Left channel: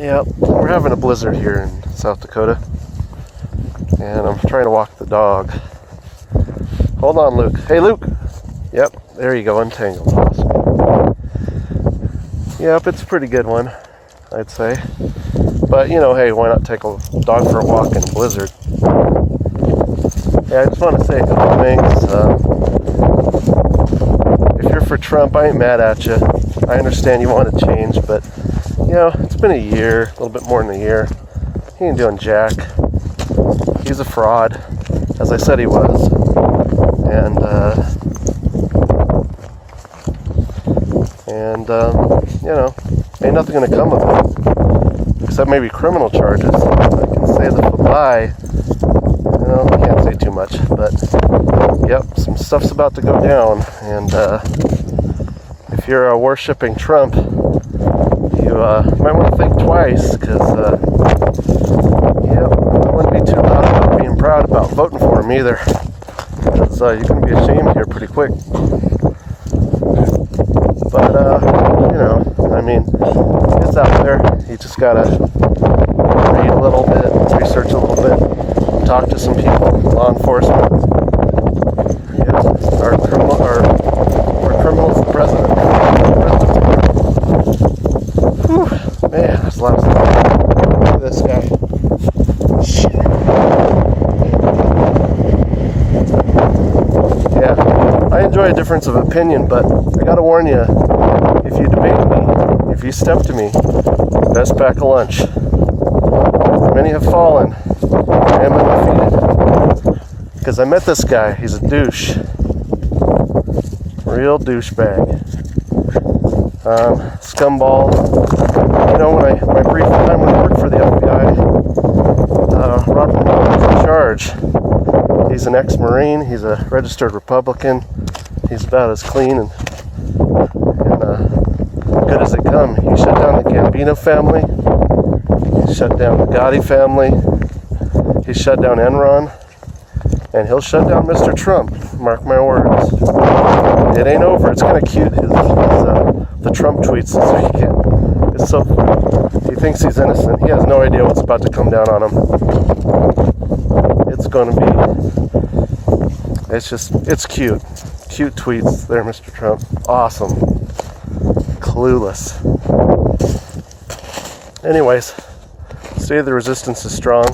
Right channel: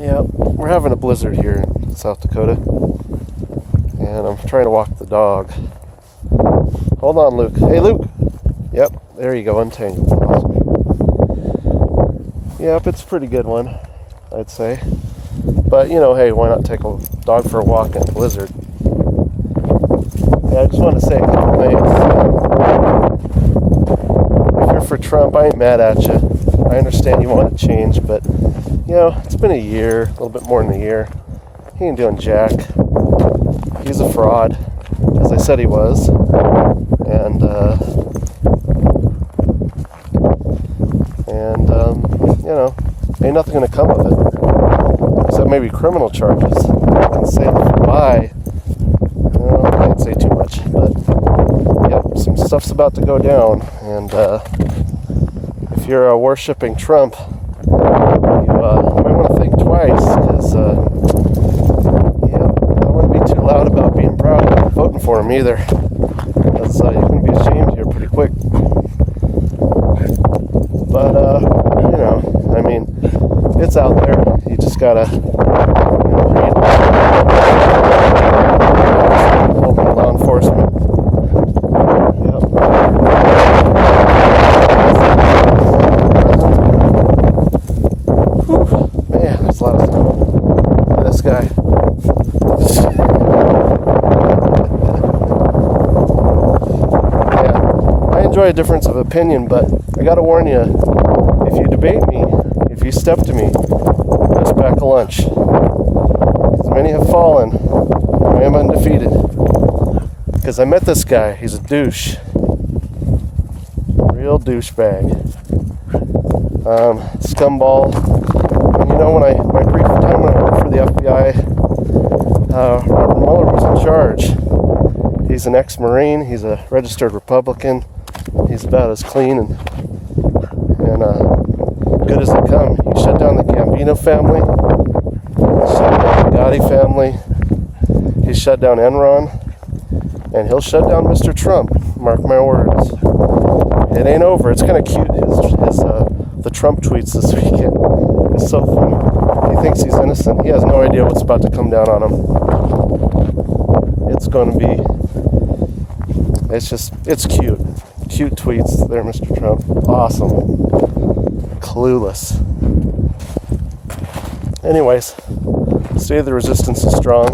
Yeah, we're having a blizzard here in South Dakota, and I'm trying to walk the dog. Hold on, Luke. Hey, Luke. Yep, there you go, untangled. Yep, it's a pretty good one, I'd say. But, you know, hey, why not take a dog for a walk in a blizzard? Yeah, I just want to say a couple things. If you're for Trump, I ain't mad at you. I understand you want to change, but, you know, it's been a year, a little bit more than a year. He ain't doing jack. He's a fraud, as I said he was. And you know, ain't nothing going to come of it. Except maybe criminal charges. I can say the lie. Well, I can't say too much, but yep, some stuff's about to go down. And if you're worshipping Trump, you might want to think twice, because I wouldn't be too loud about being proud about voting for him either, because you're going to be ashamed here pretty quick. But you know, I mean, it's out there. You just gotta talk to some people, law enforcement. Whew, man, there's a lot of look at this guy. Yeah, I enjoy a difference of opinion, but I gotta warn you, if you debate me, if you step to me, best pack of lunch. Many have fallen, I am undefeated. Because I met this guy, he's a douche. Real douchebag. Scumball. You know, my brief time when I worked for the FBI, Robert Mueller was in charge. He's an ex-Marine, he's a registered Republican. He's about as clean and good as it come. He shut down the Gambino family. He shut down the Gotti family. He shut down Enron. And he'll shut down Mr. Trump. Mark my words. It ain't over. It's kind of cute. The Trump tweets this weekend. It's so funny. He thinks he's innocent. He has no idea what's about to come down on him. It's going to be... It's cute. Cute tweets there, Mr. Trump. Awesome. Clueless. Anyways, stay the resistance is strong.